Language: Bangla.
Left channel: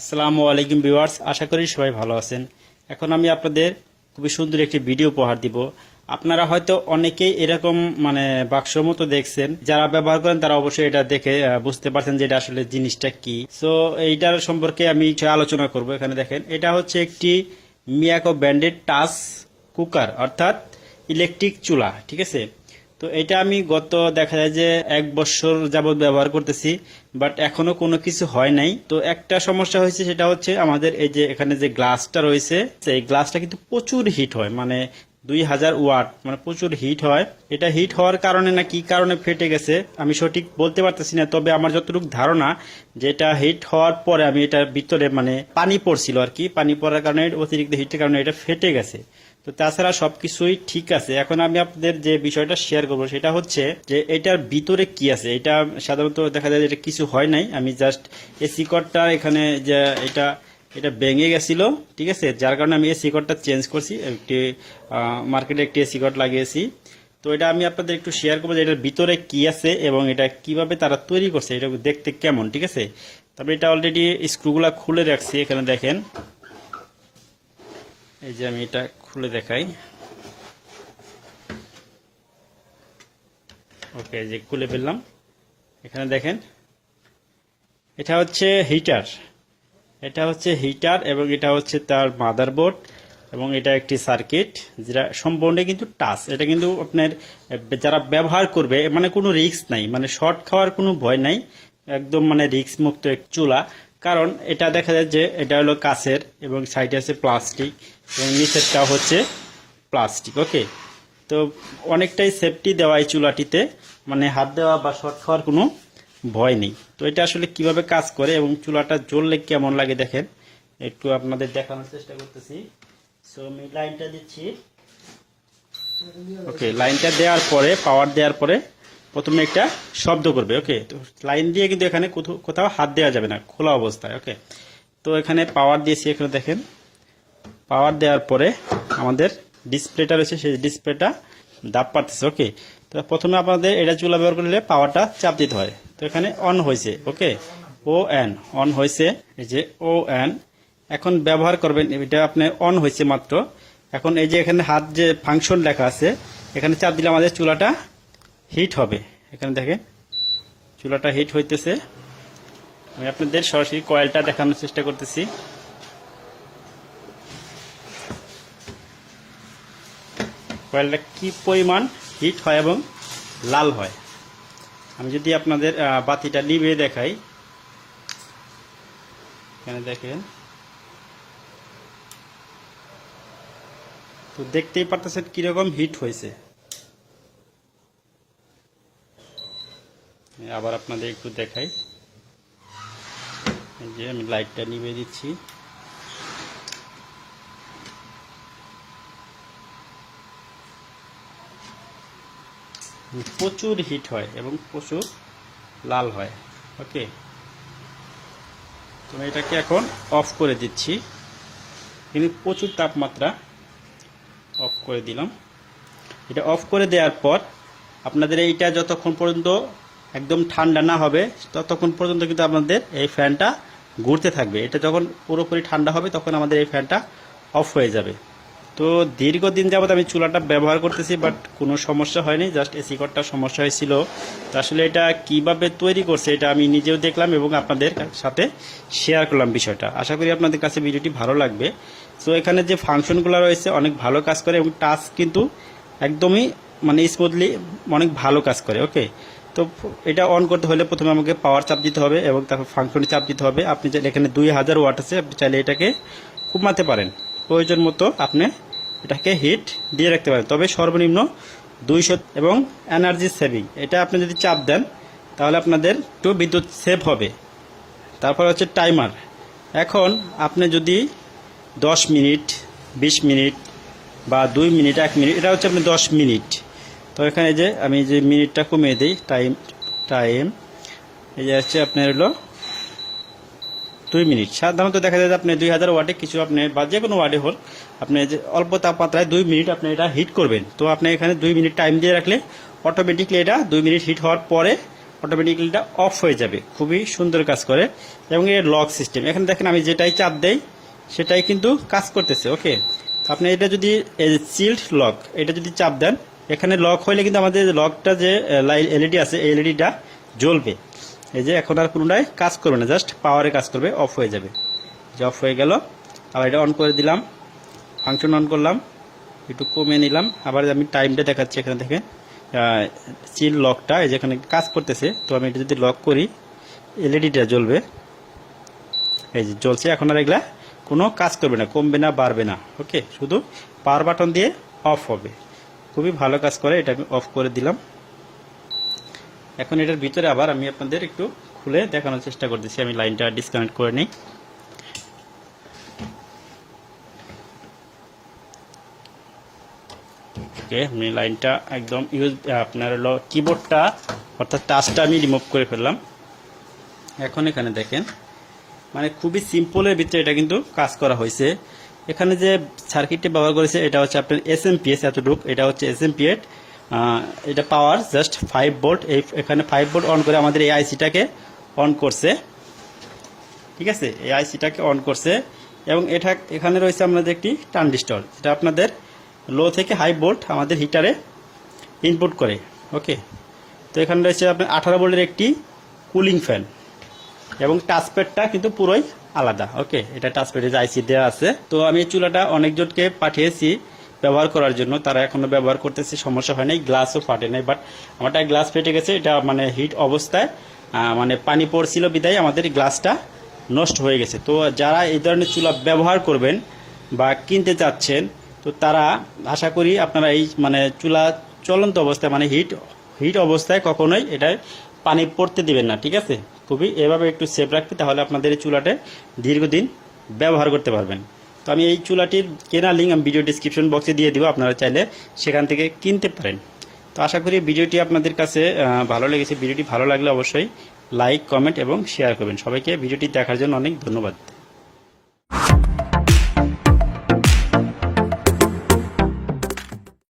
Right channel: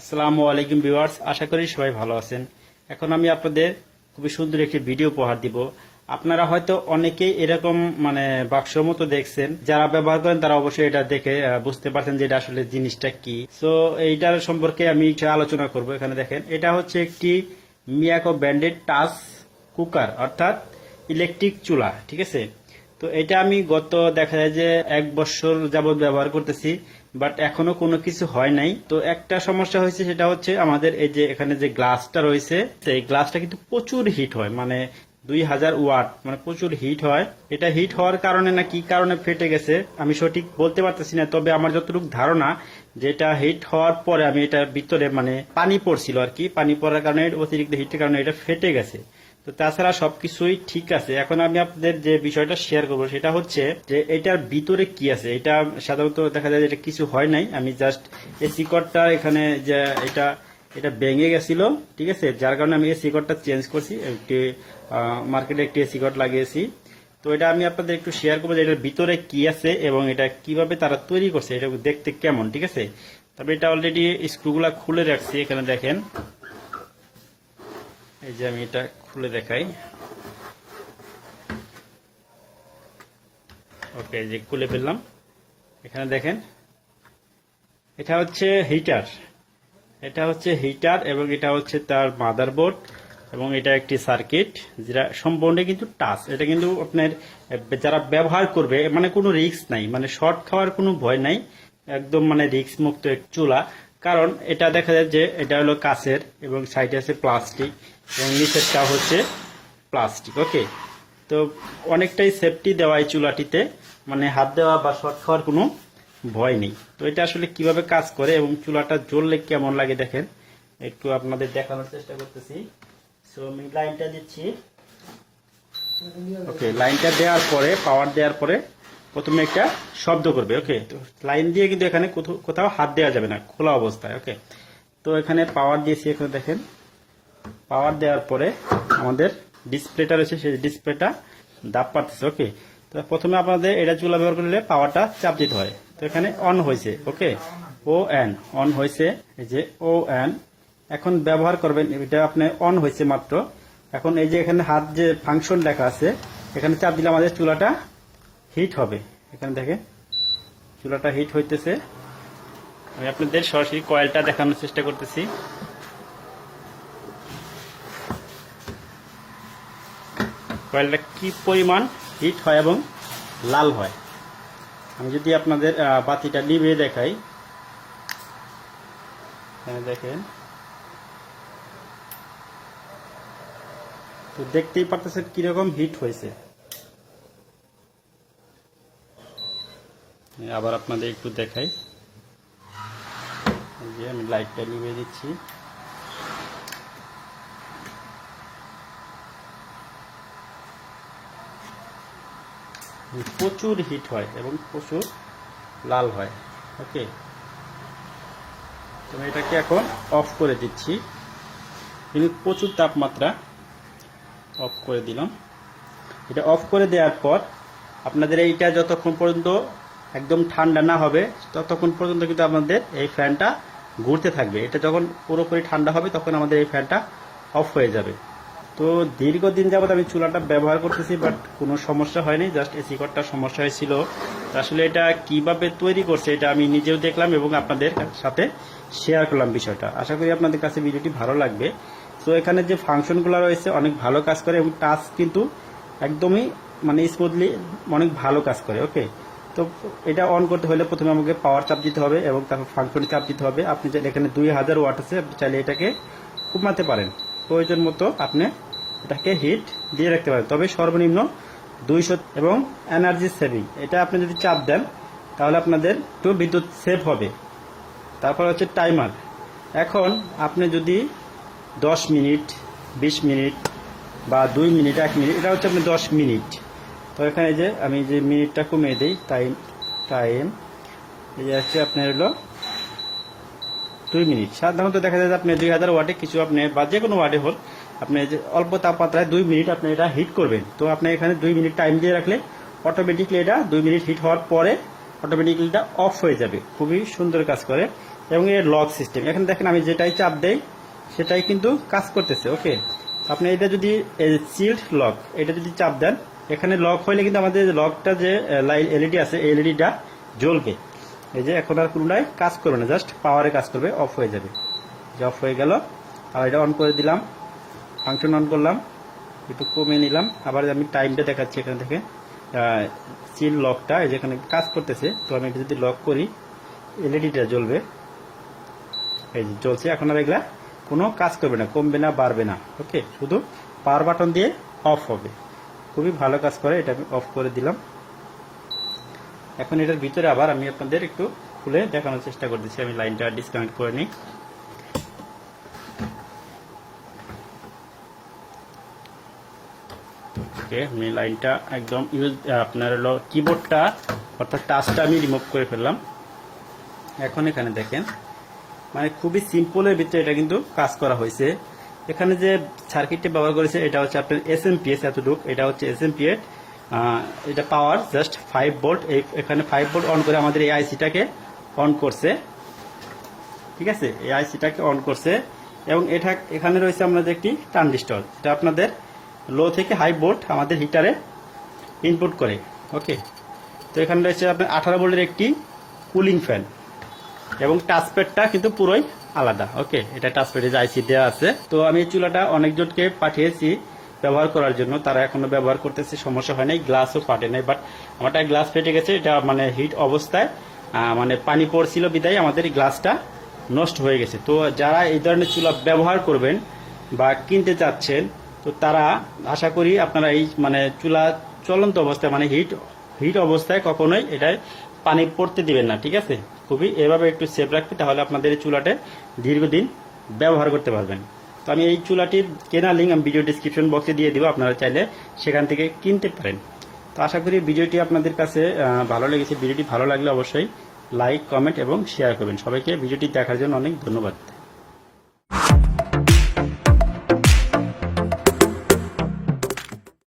আসসালামু আলাইকুম ভিউয়ার্স, আশা করি সবাই ভালো আছেন। এখন আমি আপনাদের খুবই সুন্দর একটি ভিডিও উপহার দিব। আপনারা হয়তো অনেকেই এরকম বাক্সের মতো দেখছেন, যারা ব্যবহার করেন তারা অবশ্যই এটা দেখে বুঝতে পারছেন যে এটা আসলে জিনিসটা কি। সো এইটার সম্পর্কে আমি একটু আলোচনা করব। এখানে দেখেন, এটা হচ্ছে একটি মিয়াকো ব্র্যান্ডেড টাচ কুকার, অর্থাৎ ইলেকট্রিক চুলা। ঠিক আছে, তো এটা আমি গত দেখা যায় যে 1 বছর যাবত ব্যবহার করতেছি, বাট এখনো কোনো কিছু হয় নাই। তো একটা সমস্যা হয়েছে, সেটা হচ্ছে আমাদের এই যে এখানে যে গ্লাসটা রয়েছে, এই গ্লাসটা কিন্তু প্রচুর হিট হয়, 2000 ওয়াট, প্রচুর হিট হয়। এটা হিট হওয়ার কারণে না কি কারণে ফেটে গেছে আমি সঠিক বলতে পারতেছি না, তবে আমার যতটুকু ধারণা যে এটা হিট হওয়ার পরে আমি এটার ভিতরে পানি পড়ছিল আর কি, পানি পড়ার কারণে অতিরিক্ত হিটের কারণে এটা ফেটে গেছে। তো তাছাড়া সবকিছুই ঠিক আছে। এখন আমি আপনাদের যে বিষয়টা শেয়ার করবো সেটা হচ্ছে যে এটার ভিতরে কি আছে। এটা সাধারণত দেখা যায় এটা কিছু হয় নাই, আমি জাস্ট এসি কর্ডটা এখানে যে এটা এটা ভেঙে গেছিল, ঠিক আছে, যার কারণে আমি এসি কর্ডটা চেঞ্জ করছি, একটি মার্কেটে একটি এসি কর্ড লাগিয়েছি। তো এটা আমি আপনাদের একটু শেয়ার করবো যে এটার ভিতরে কি আছে এবং এটা কিভাবে তারা তৈরি করছে, এটা দেখতে কেমন। ঠিক আছে, তবে এটা অলরেডি স্ক্রুগুলা খুলে রাখছি। এখানে দেখেন, এই যে আমি এটা খুলে দেখাই। ওকে, যে খুলে ফেললাম। এখানে দেখেন, এটা হচ্ছে হিটার, এবং এটা হচ্ছে তার মাদারবোর্ড, এবং এটা একটি সার্কিট, যেটা সম্পূর্ণ কিন্তু টাচ। এটা কিন্তু আপনার যারা ব্যবহার করবে কোনো রিস্ক নাই, শর্ট খাওয়ার কোনো ভয় নাই, একদম রিস্ক মুক্ত এক চুলা। কারণ এটা দেখা যায় যে এটা হলো কাচের, এবং সাইডে আছে প্লাস্টিক, এবং নিচেরটা হচ্ছে প্লাস্টিক। ওকে, তো অনেকটাই সেফটি দেওয়া এই চুলাটিতে, হাত দেওয়া বা শর্ট খাওয়ার কোনো ভয় নেই। তো এটা আসলে কিভাবে কাজ করে এবং চুলাটা জ্বললে কেমন লাগে দেখেন, একটু আপনাদের দেখানোর চেষ্টা করতেছি। সো আমি লাইনটা দিচ্ছি। ওকে, লাইনটা দেওয়ার পরে, পাওয়ার দেওয়ার পরে প্রথমে একটা শব্দ করবে। ওকে, তো লাইন দিয়ে কিন্তু এখানে কোথাও হাত দেওয়া যাবে না খোলা অবস্থায়। ওকে, তো এখানে পাওয়ার দিয়েছি। এখানে দেখেন, পাওয়ার দেওয়ার পরে আমাদের ডিসপ্লেটা রয়েছে, সেই ডিসপ্লেটা দাব পারতেছে। ওকে, তো প্রথমে আপনাদের এটা চুলা ব্যবহার করলে পাওয়ারটা চাপ দিতে হয়। তো এখানে অন হয়েছে। ওকে, ও এন অন হয়েছে, এই যে ও এন। এখন ব্যবহার করবেন, এটা আপনার অন হয়েছে মাত্র। এখন এই যে এখানে হাত যে ফাংশন লেখা আছে, এখানে চাপ দিলে আমাদের চুলাটা হিট হবে। এখানে দেখেন, চুলাটা হিট হইতেছে। আমি আপনাদের সরাসরি কয়েলটা দেখানোর চেষ্টা করতেছি। কয়েলটা কি পরিমাণ হিট হয় এবং লাল হয়। আমি যদি আপনাদের বাতিটা নিভিয়ে দেখাই, এখানে দেখেন, তো দেখতেই পারতেছেন কিরকম হিট হয়েছে। আবার আপনাদের একটু দেখাই, এই যে আমি লাইটটা নিভিয়ে দিচ্ছি। প্রচুর হিট হয় এবং প্রচুর লাল হয়। ওকে, তো এটাকে এখন অফ করে দিচ্ছি। কিন্তু প্রচুর তাপমাত্রা, অফ করে দিলাম। এটা অফ করে দেওয়ার পর আপনাদের এইটা যতক্ষণ পর্যন্ত একদম ঠান্ডা না হবে ততক্ষণ পর্যন্ত কিন্তু আপনাদের এই ফ্যানটা ঘুরতে থাকবে। এটা যখন পুরোপুরি ঠান্ডা হবে তখন আমাদের এই ফ্যানটা অফ হয়ে যাবে। তো দীর্ঘদিন যাবত আমি চুলাটা ব্যবহার করতেছি, বাট কোনো সমস্যা হয়নি, জাস্ট এসি কর্ডটার সমস্যা হয়েছিল। তো আসলে এটা কিভাবে তৈরি করছে এটা আমি নিজেও দেখলাম এবং আপনাদের সাথে শেয়ার করলাম বিষয়টা। আশা করি আপনাদের কাছে ভিডিওটি ভালো লাগবে। সো এখানে যে ফাংশনগুলো রয়েছে অনেক ভালো কাজ করে, এবং টাচ কিন্তু একদমই স্মুথলি অনেক ভালো কাজ করে। ওকে, তো এটা অন করতে হলে প্রথমে আমাকে পাওয়ার চাপ দিতে হবে এবং তারপর ফাংশনে চাপ দিতে হবে। আপনি চাইলে এখানে 2000 ওয়াট আছে, আপনি চাইলে এটাকে কমাতে পারেন, প্রয়োজন মতো আপনি এটাকে হিট দিয়ে রাখতে পারেন, তবে সর্বনিম্ন 200। এবং এনার্জি সেভিং, এটা আপনি যদি চাপ দেন তাহলে আপনাদের একটু বিদ্যুৎ সেভ হবে। তারপর হচ্ছে টাইমার। এখন আপনি যদি 10 মিনিট, 20 মিনিট বা 2 মিনিট, 1 মিনিট, এটা হচ্ছে আপনার 10 মিনিট। তো এখানে যে আমি যে মিনিটটা কমিয়ে দিই, টাইম এই যে হচ্ছে আপনার হলো 2 মিনিট। সাধারণত দেখা যায় যে আপনি 2000 ওয়াটে কিছু আপনি বা যে কোনো ওয়াটে হোক, আপনি যে অল্প তাপমাত্রায় 2 মিনিট আপনি এটা হিট করবেন। তো আপনি এখানে 2 মিনিট টাইম দিয়ে রাখলে অটোমেটিকলি এটা 2 মিনিট হিট হওয়ার পরে অটোমেটিক্যালি এটা অফ হয়ে যাবে। খুবই সুন্দর কাজ করে এবং এর লক সিস্টেম, এখানে দেখেন আমি যেটাই চাপ দেই সেটাই কিন্তু কাজ করতেছে। ওকে, আপনি এটা যদি সিল্ড লক এটা যদি চাপ দেন, এখানে লক হইলে কিন্তু আমাদের লকটা যে এলইডি আছে এই এলইডিটা জ্বলবে। এই যে এখন আর কোনোটাই কাজ করবে না, জাস্ট পাওয়ারে কাজ করবে, অফ হয়ে যাবে। যে অফ হয়ে গেল, আবার এটা অন করে দিলাম, ফাংশন অন করলাম, একটু কমিয়ে নিলাম, আবার আমি টাইমটা দেখাচ্ছি। এখানে থেকে সিল লকটা এই যেখানে কাজ করতেছে, তো আমি এটা যদি লক করি এলইডিটা জ্বলবে। এই যে জ্বলছে, এখন আর এগুলা কোনো কাজ করবে না, কমবে না, বাড়বে না। ওকে, শুধু পাওয়ার বাটন দিয়ে অফ হবে। খুবই ভালো কাজ করে, এটা আমি অফ করে দিলাম। এখন এটার ভিতরে আবার আমি আপনাদের একটু খুলে দেখানোর চেষ্টা করতেছি। আমি লাইনটা ডিসকানেক্ট করে নিই। ওকে, আমি লাইনটা একদম আপনার কিবোর্ডটা অর্থাৎ টাচটা আমি রিমুভ করে ফেললাম। এখন এখানে দেখেন মানে খুবই সিম্পলের ভিতরে এটা কিন্তু কাজ করা হয়েছে। এখানে যে সার্কিটটি ব্যবহার করেছে এটা হচ্ছে আপনার এসএমপিএস, এতটুকু এটা হচ্ছে এসএমপিএস। এটা পাওয়ার জাস্ট 5 ভোল্ট। এখানে 5 ভোল্ট অন করে আমাদের এই আইসিটাকে অন করছে। ঠিক আছে, এই আইসিটাকে অন করছে এবং এটা এখানে রয়েছে আমাদের একটি ট্রানজিস্টর, এটা আপনাদের লো থেকে হাই ভোল্ট আমাদের হিটারে ইনপুট করে। ওকে, তো এখানে রয়েছে আপনার 18 ভোল্টের একটি কুলিং ফ্যান এবং টাচপ্যাডটা কিন্তু পুরোই আলাদা। ওকে, এটা টাচপ্যাডে যে আইসি দেওয়া আছে। তো আমি এই চুলাটা অনেকজনকে পাঠিয়েছি ব্যবহার করার জন্য, তারা এখনো ব্যবহার করতেছে, সমস্যা হয় নাই, গ্লাসও ফাটে নাই। বাট আমারটা গ্লাস ফেটে গেছে, এটা মানে হিট অবস্থায় মানে পানি পড়ছিল বিদায় আমাদের গ্লাসটা নষ্ট হয়ে গেছে। তো যারা এই ধরনের চুলা ব্যবহার করবেন বা কিনতে চাচ্ছেন, তো তারা আশা করি আপনারা এই মানে চুলা চলন্ত অবস্থায় মানে হিট অবস্থায় কখনোই এটায় পানি পড়তে দিবেন না। ঠিক আছে, খুবই এভাবে একটু সেফ রাখবে, তাহলে আপনাদের এই চুলাটা দীর্ঘদিন ব্যবহার করতে পারবেন। তো আমি এই চুলাটির কেনার লিঙ্ক আমি ভিডিও ডিসক্রিপশন বক্সে দিয়ে দিব, আপনারা চাইলে সেখান থেকে কিনতে পারেন। তো আশা করি ভিডিওটি আপনাদের কাছে ভালো লেগেছে। ভিডিওটি ভালো লাগলে অবশ্যই লাইক, কমেন্ট এবং শেয়ার করবেন। সবাইকে ভিডিওটি দেখার জন্য অনেক ধন্যবাদ।